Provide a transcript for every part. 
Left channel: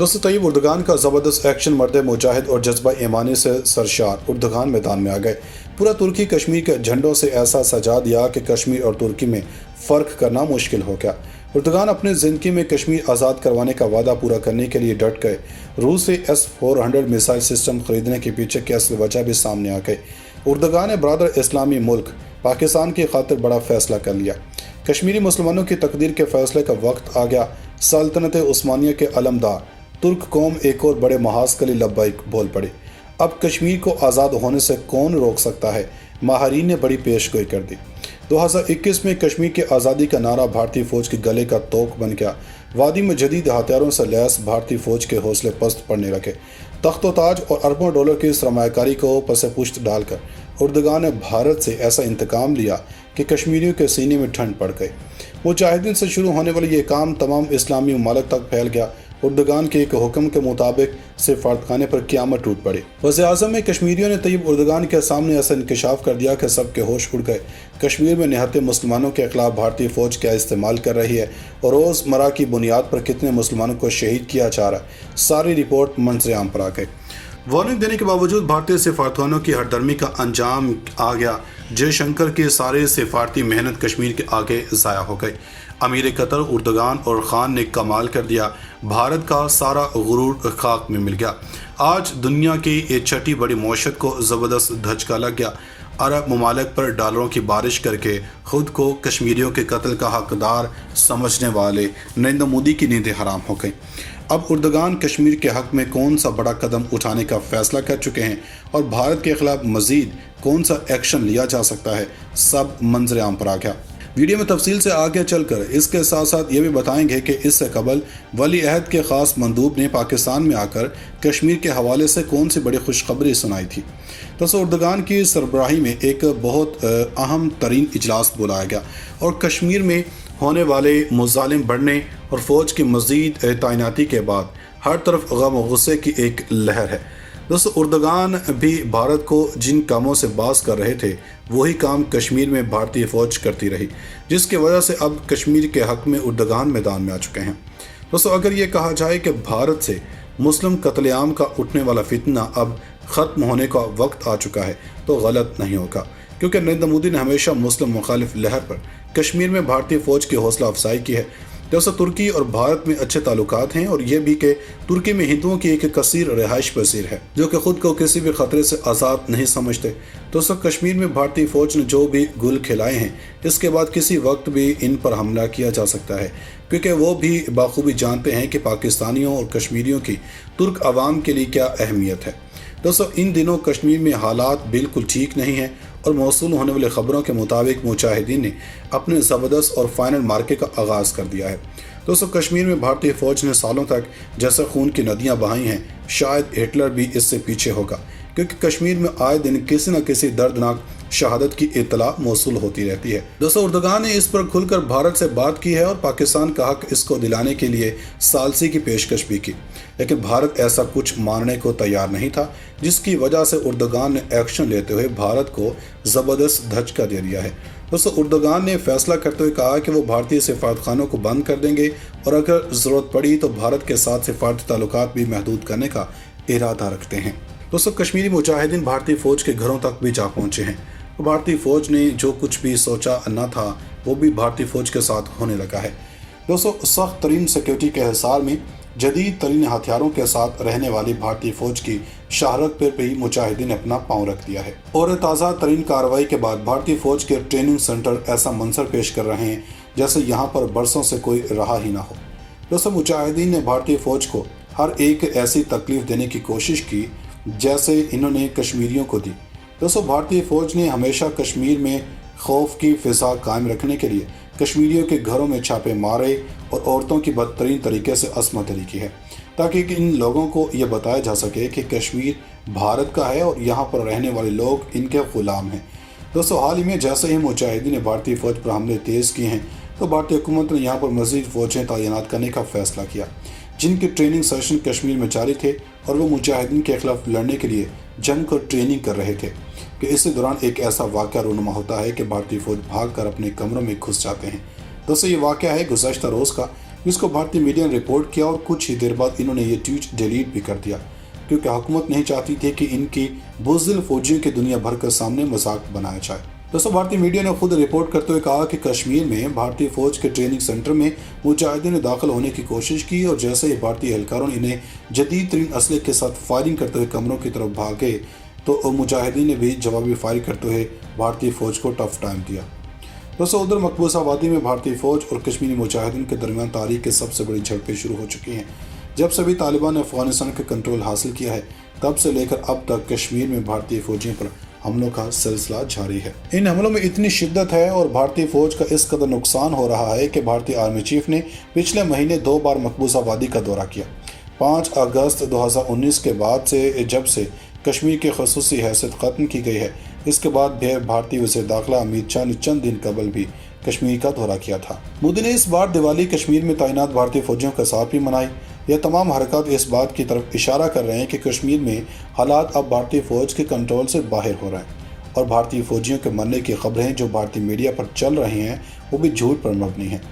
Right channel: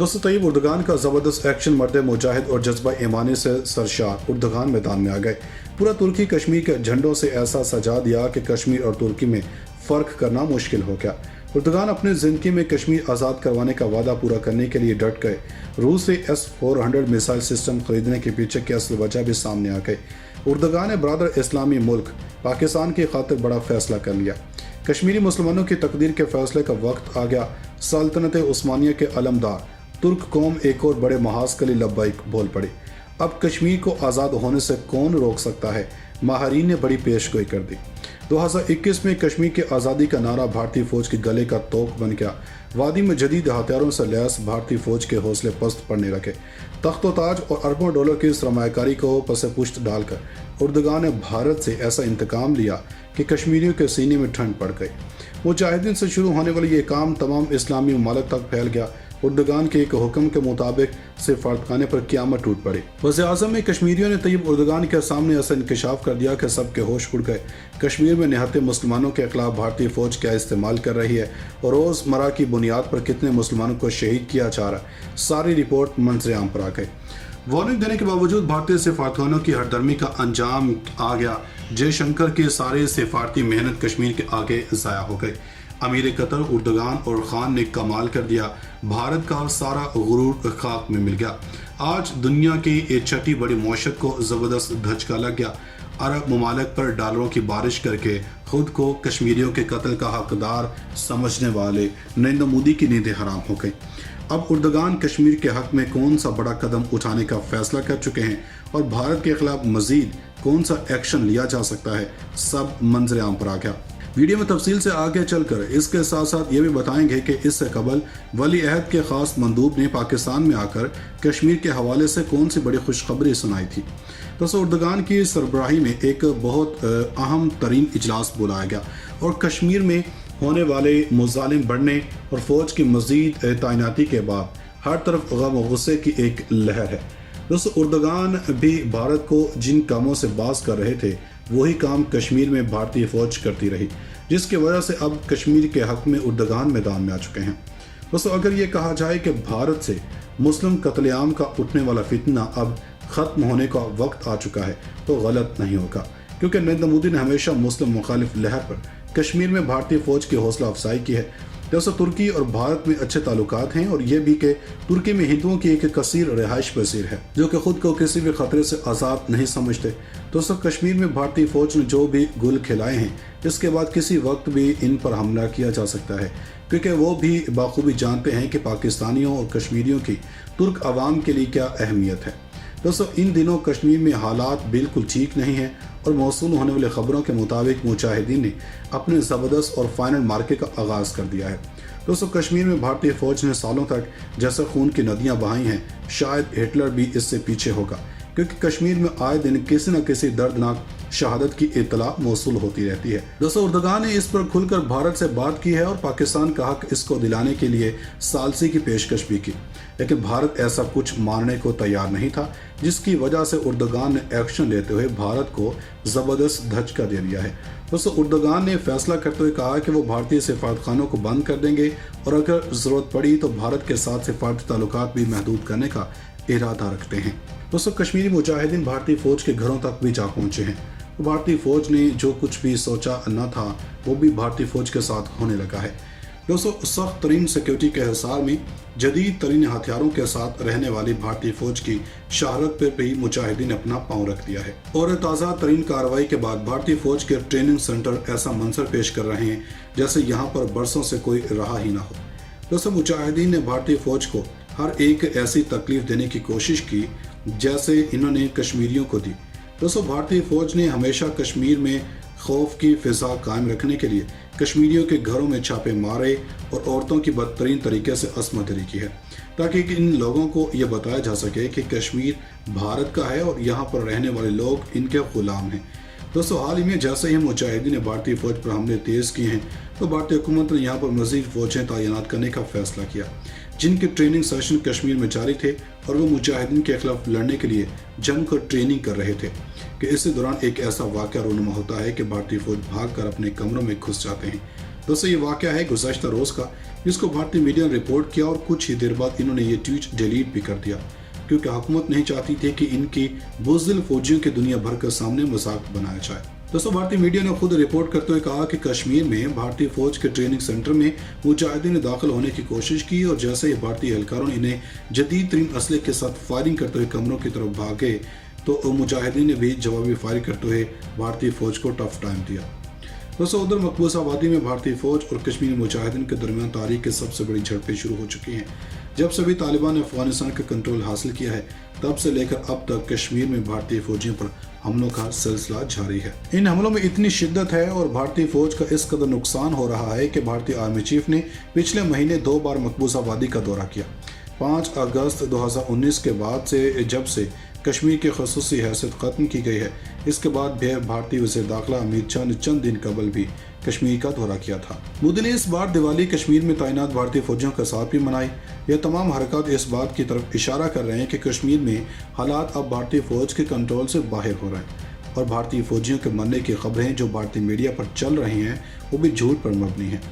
दोस्तों तैयब उर्दगान का ज़बरदस्त एक्शन मर्द मुजाहिद और जज्बा ईमानी से सरशार उर्दगान मैदान में आ गए। पूरा तुर्की कश्मीर के झंडों से ऐसा सजा दिया कि कश्मीर और तुर्की में फ़र्क करना मुश्किल हो गया। उर्दगान अपनी ज़िंदगी में कश्मीर आज़ाद करवाने का वादा पूरा करने के लिए डट गए। रूस से S-400 मिसाइल सिस्टम खरीदने के पीछे की असल वजह भी सामने आ गई। उर्दगान ने बरादर इस्लामी मुल्क पाकिस्तान की खातिर बड़ा फैसला कर लिया। कश्मीरी मुसलमानों की तकदीर के फैसले का वक्त आ गया। सल्तनत उस्मानिया के अलमदार तुर्क कौम एक और बड़े महाज के लिए लब्बैक बोल पड़ी। अब कश्मीर को आज़ाद होने से कौन रोक सकता है? माहरीन ने बड़ी पेशगोई कर दी। 2021 में कश्मीर की आज़ादी का नारा भारतीय फ़ौज के गले का तोक बन गया। वादी में जदीद हथियारों से लैस भारतीय फ़ौज के हौसले पस्त पड़ने लगे। तख्त व ताज और अरबों डॉलर की सरमायाकारी को पस पुश्त डालकर उर्दगान ने भारत से ऐसा इंतकाम लिया कि कश्मीरियों के सीने में ठंड पड़ गई। मुजाहिदीन से शुरू होने वाला ये काम तमाम इस्लामी ममालिक तक फैल गया। उर्दगान के एक हुक्म के मुताबिक सिफारतखाने पर क़यामत टूट पड़ी। वज़ीर-ए-आज़म में कश्मीरियों ने तैयब उर्दगान के सामने ऐसा इंकशाफ कर दिया कि सबके होश उड़ गए। कश्मीर में निहत्ते मुसलमानों के खिलाफ भारतीय फ़ौज क्या इस्तेमाल कर रही है और रोज़मर्रा की बुनियाद पर कितने मुसलमानों को शहीद किया जा रहा है, सारी रिपोर्ट मंज़र-ए-आम पर आ गई। वार्निंग देने के बावजूद भारतीय सिफारतखानों की हरदर्मी का अंजाम आ गया। जयशंकर की सारी सिफारती मेहनत कश्मीर के आगे ज़ाया हो गई। अमीर कतर उर्दगान और ख़ान ने कमाल कर दिया। भारत का सारा गुरूर खाक में मिल गया। आज दुनिया की ये छठी बड़ी मौशत को ज़बरदस्त धचका लग गया। अरब ममालिक पर डॉलरों की बारिश करके खुद को कश्मीरियों के कत्ल का हकदार समझने वाले नरेंद्र मोदी की नींदें हराम हो गई। अब उर्दगान कश्मीर के हक़ में कौन सा बड़ा कदम उठाने का फ़ैसला कर चुके हैं और भारत के ख़िलाफ़ मज़ीद कौन सा एक्शन लिया जा सकता है, सब मंज़र-ए-आम पर आ गया। वीडियो में तफसील से आगे चलकर इसके साथ साथ ये भी बताएंगे कि इससे कबल वली अहद के ख़ास मंदूब ने पाकिस्तान में आकर कश्मीर के हवाले से कौन सी बड़ी खुशखबरी सुनाई थी। तो उर्दगान की सरबराही में एक बहुत अहम तरीन इजलास बुलाया गया और कश्मीर में होने वाले मुजालिम बढ़ने और फ़ौज की मज़ीद तैनाती के बाद हर तरफ गम और गुस्से की एक लहर है। दोस्तों उर्दगान भी भारत को जिन कामों से बाज कर रहे थे वही काम कश्मीर में भारतीय फ़ौज करती रही, जिसकी वजह से अब कश्मीर के हक़ में उर्दगान मैदान में आ चुके हैं। दोस्तों अगर ये कहा जाए कि भारत से मुस्लिम कत्लेआम का उठने वाला फितना अब ख़त्म होने का वक्त आ चुका है तो गलत नहीं होगा, क्योंकि नरेंद्र मोदी ने हमेशा मुस्लिम मुखालिफ लहर पर कश्मीर में भारतीय फ़ौज की हौसला अफजाई की है। दोस्तों तुर्की और भारत में अच्छे ताल्लुकात हैं और ये भी कि तुर्की में हिंदुओं की एक कसीर रिहाइश पसीर है जो कि खुद को किसी भी खतरे से आज़ाद नहीं समझते। दोस्तों कश्मीर में भारतीय फ़ौज ने जो भी गुल खिलाए हैं इसके बाद किसी वक्त भी इन पर हमला किया जा सकता है, क्योंकि वो भी बाखूबी जानते हैं कि पाकिस्तानियों और कश्मीरियों की तुर्क आवाम के लिए क्या अहमियत है। दोस्तों इन दिनों कश्मीर में हालात बिल्कुल ठीक नहीं हैं और मौसूल होने वाली ख़बरों के मुताबिक मुजाहिदीन ने अपने ज़बरदस्त और फाइनल मार्के का आगाज़ कर दिया है। दोस्तों कश्मीर में भारतीय फ़ौज ने सालों तक जैसे खून की नदियां बहाई हैं, शायद हिटलर भी इससे पीछे होगा, क्योंकि कश्मीर में आए दिन किसी न किसी दर्दनाक शहादत की इत्तला मौसूल होती रहती है। दोस्तों उर्दगान ने इस पर खुलकर भारत से बात की है और पाकिस्तान का हक इसको दिलाने के लिए सालसी की पेशकश भी की, लेकिन भारत ऐसा कुछ मानने को तैयार नहीं था, जिसकी वजह से उर्दगान ने एक्शन लेते हुए भारत को ज़बरदस्त धचका दे दिया है। दोस्तों उर्दगान ने फैसला करते हुए कहा कि वो भारतीय सिफारतखानों को बंद कर देंगे और अगर ज़रूरत पड़ी तो भारत के साथ सिफारती ताल्लुकात भी महदूद करने का इरादा रखते हैं। दोस्तों कश्मीरी मुजाहिदीन भारतीय फ़ौज के घरों तक भी जा पहुँचे हैं। भारतीय फ़ौज ने जो कुछ भी सोचा न था वो भी भारतीय फ़ौज के साथ होने लगा है। दोस्तों सख्त तरीन सिक्योरिटी के हिसार में जदीद तरीन हथियारों के साथ रहने वाली भारतीय फ़ौज की शहारत पर भी मुजाहिदीन ने अपना पाँव रख दिया है और ताज़ा तरीन कार्रवाई के बाद भारतीय फ़ौज के ट्रेनिंग सेंटर ऐसा मंजर पेश कर रहे हैं जैसे यहाँ पर बरसों से कोई रहा ही ना हो। दोस्तों मुजाहिदीन ने भारतीय फ़ौज को हर एक ऐसी तकलीफ देने की कोशिश की जैसे इन्होंने कश्मीरियों को दी। दोस्तों भारतीय फ़ौज ने हमेशा कश्मीर में खौफ की फ़िज़ा कायम रखने के लिए कश्मीरियों के घरों में छापे मारे और औरतों की बदतरीन तरीके से असमत दरी की है, ताकि इन लोगों को यह बताया जा सके कि कश्मीर भारत का है और यहाँ पर रहने वाले लोग इनके ग़ुलाम हैं। दोस्तों हाल ही में जैसे ही मुजाहिदीन ने भारतीय फ़ौज पर हमले तेज़ किए हैं तो भारतीय हुकूमत ने यहाँ पर मज़ीद फ़ौजें तैनात करने का फ़ैसला किया, जिनके ट्रेनिंग सेशन कश्मीर में जारी थे और वो मुजाहिदीन के खिलाफ लड़ने के लिए जमकर ट्रेनिंग कर रहे थे कि इसी दौरान एक ऐसा वाक़या रूनुमा होता है कि भारतीय फ़ौज भाग कर अपने कमरों में घुस जाते हैं। दोस्तों ये वाक़या है गुज़श्ता रोज़ का, जिसको भारतीय मीडिया ने रिपोर्ट किया और कुछ ही देर बाद इन्होंने ये ट्वीट डिलीट भी कर दिया, क्योंकि हुकूमत नहीं चाहती थी कि इनकी बुज़दिल फौजियों के दुनिया भर के सामने मजाक बनाया जाए। दोस्तों भारतीय मीडिया ने खुद रिपोर्ट करते हुए कहा कि कश्मीर में भारतीय फौज के ट्रेनिंग सेंटर में मुजाहिदीन ने दाखिल होने की कोशिश की और जैसे ही भारतीय एहलकारों ने इन्हें जदीद तरीन असले के साथ फायरिंग करते हुए कमरों की तरफ भागे तो मुजाहिदीन ने भी जवाबी फायरिंग करते हुए भारतीय फौज को टफ टाइम दिया। दोस्तों उधर मकबूजा आबादी में भारतीय फौज और कश्मीरी मुजाहिदीन के दरमियान तारीख की सबसे बड़ी झड़पें शुरू हो चुकी हैं। जब से भी तालिबान ने अफगानिस्तान का कंट्रोल हासिल किया है, तब से लेकर अब तक कश्मीर में भारतीय फौजियों पर हमलों का सिलसिला जारी है। इन हमलों में इतनी शिद्दत है और भारतीय फौज का इस कदर नुकसान हो रहा है कि भारतीय आर्मी चीफ ने पिछले महीने 2 बार मकबूजा आबादी का दौरा किया। 5 अगस्त 2019 के बाद से जब से कश्मीर की खसूसी हैसियत ख़त्म की गई है, इसके बाद भी भारतीय वज़ीर दाखिला अमित शाह ने चंद दिन कबल भी कश्मीर का दौरा किया था। मोदी ने इस बार दिवाली कश्मीर में तैनात भारतीय फौजियों के साथ भी मनाई। यह तमाम हरकत इस बात की तरफ इशारा कर रहे हैं कि कश्मीर में हालात अब भारतीय फौज के कंट्रोल से बाहर हो रहे हैं और भारतीय फौजियों के मरने की खबरें जो भारतीय मीडिया पर चल रही हैं वो भी झूठ पर मबनी हैं।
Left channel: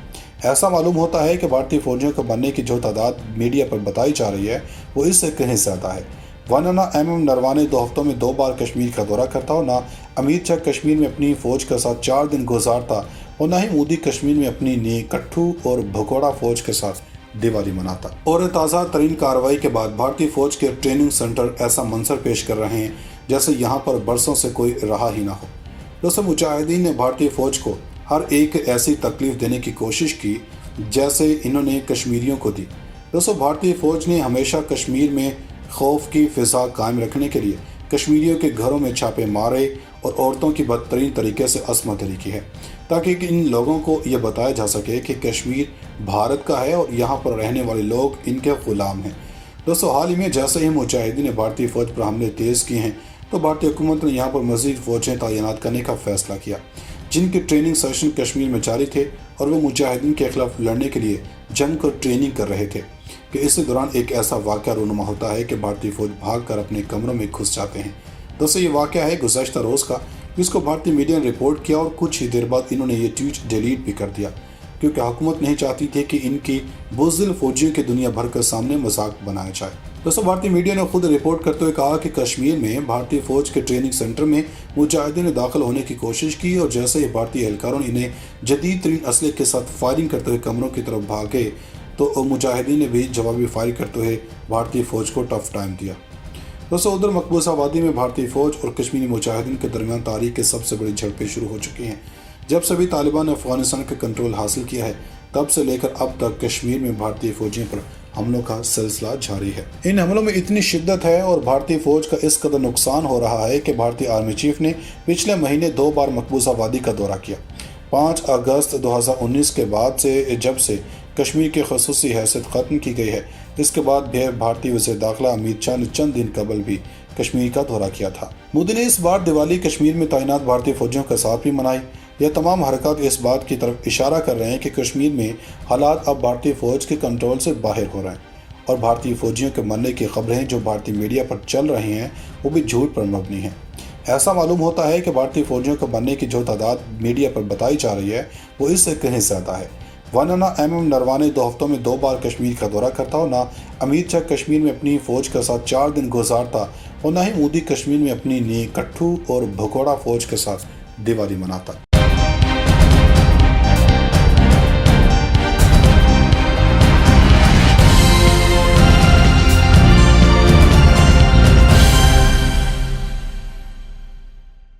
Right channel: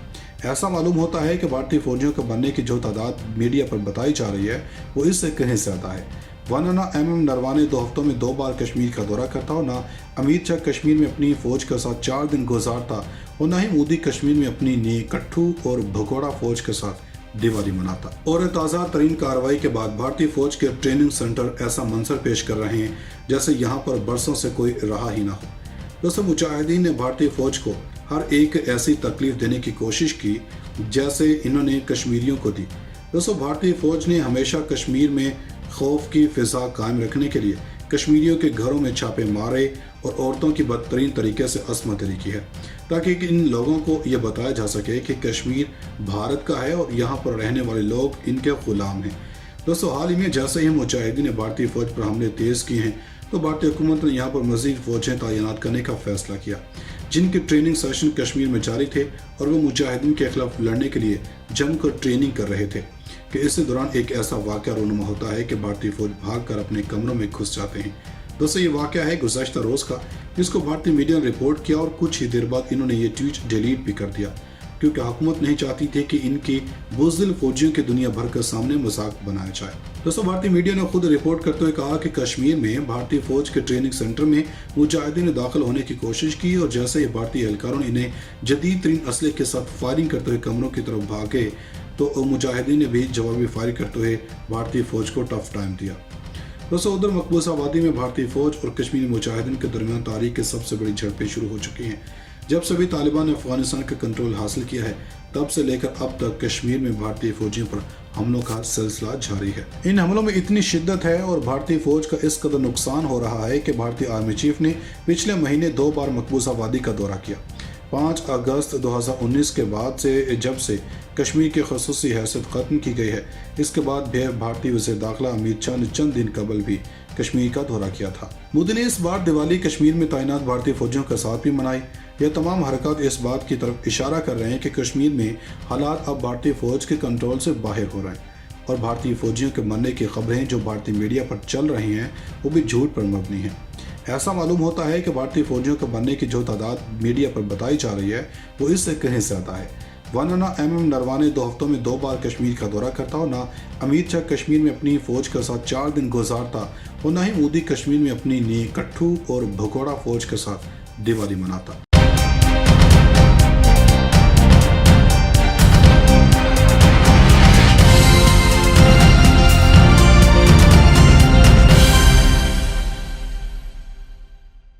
ऐसा मालूम होता है कि भारतीय फौजियों के मरने की जो तादाद मीडिया पर बताई जा रही है वो इससे कहीं ज़्यादा है। वरना ना नरवाने 2 हफ्तों में 2 बार कश्मीर का दौरा करता हो, ना अमित शाह कश्मीर में अपनी फौज के साथ 4 दिन गुजारता और ना ही मोदी कश्मीर में अपनी कट्ठू और भगोड़ा फौज के साथ दिवाली मनाता। और ताज़ा तरीन कार्रवाई के बाद भारतीय फौज के ट्रेनिंग सेंटर ऐसा मंजर पेश कर रहे हैं जैसे यहाँ पर बरसों से कोई रहा ही ना हो। दोस्तों मुजाहिदीन ने भारतीय फौज को हर एक ऐसी तकलीफ देने की कोशिश की जैसे इन्होंने कश्मीरियों को दी। दोस्तों भारतीय फौज ने हमेशा कश्मीर में खौफ की फिजा कायम रखने के लिए कश्मीरियों के घरों में छापे मारे और औरतों की बदतरीन तरीके से असमतरी की है, ताकि इन लोगों को यह बताया जा सके कि कश्मीर भारत का है और यहाँ पर रहने वाले लोग इनके गुलाम हैं। दोस्तों हाल ही में जैसे ही मुजाहिदीन ने भारतीय फौज पर हमले तेज़ किए हैं, तो भारतीय हुकूमत ने यहाँ पर मज़ीद फौजें तैनात करने का फैसला किया, जिनके ट्रेनिंग सेशन कश्मीर में जारी थे और वो मुजाहिदीन के खिलाफ लड़ने के लिए जमकर ट्रेनिंग कर रहे थे कि इस दौरान एक ऐसा वाक़या रूनुमा होता है कि भारतीय फौज भागकर अपने कमरों में घुस जाते हैं। दोस्तों ये वाक़या है गुज़श्ता रोज़ का, जिसको भारतीय मीडिया ने रिपोर्ट किया और कुछ ही देर बाद इन्होंने ये ट्वीट डिलीट भी कर दिया, क्योंकि हुकूमत नहीं चाहती थी कि इनकी बुज़दिल फौजियों के दुनिया भर के सामने मजाक बनाया जाए। दोस्तों भारतीय मीडिया ने खुद रिपोर्ट करते हुए कहा कि कश्मीर में भारतीय फौज के ट्रेनिंग सेंटर में मुजाहिदीन ने दाखिल होने की कोशिश की और जैसे ही भारतीय एहलकारों ने इन्हें जदीद तरीन असले के साथ फायरिंग करते हुए कमरों की तरफ भागे तो मुजाहिदीन ने भी जवाबी फायरिंग करते हुए भारतीय फौज को टफ टाइम दिया। दोस्तों उधर मकबूजा आबादी में भारतीय फौज और कश्मीरी मुजाहिदीन के दरमियान तारीख की सबसे बड़ी झड़पें शुरू हो चुकी हैं। जब से भी तालिबान ने अफगानिस्तान का कंट्रोल हासिल किया है, तब से लेकर अब तक कश्मीर में भारतीय फौजियों पर हमलों का सिलसिला जारी है। इन हमलों में इतनी शिद्दत है और भारतीय फौज का इस कदर नुकसान हो रहा है कि भारतीय आर्मी चीफ ने पिछले महीने 2 बार मकबूजा आबादी का दौरा किया। 5 अगस्त 2019 के बाद से जब से कश्मीर की खसूसी हैसियत ख़त्म की गई है, इसके बाद भी भारतीय वज़ीर दाखिला अमित शाह ने चंद दिन कबल भी कश्मीर का दौरा किया था। मोदी ने इस बार दिवाली कश्मीर में तैनात भारतीय फौजियों के साथ भी मनाई। यह तमाम हरकत इस बात की तरफ इशारा कर रहे हैं कि कश्मीर में हालात अब भारतीय फौज के कंट्रोल से बाहर हो रहे हैं और भारतीय फौजियों के मरने की खबरें जो भारतीय मीडिया पर चल रही हैं वो भी झूठ पर मबनी हैं। ऐसा मालूम होता है कि भारतीय फौजियों के मरने की जो तादाद मीडिया पर बताई जा रही है वो इससे कहीं ज़्यादा है। वरना ना नरवाने 2 हफ्तों में 2 बार कश्मीर का दौरा करता हो, ना अमित शाह कश्मीर में अपनी फौज के साथ 4 दिन गुजारता और ना ही मोदी कश्मीर में अपनी कट्ठू और भगोड़ा फौज के साथ दिवाली मनाता।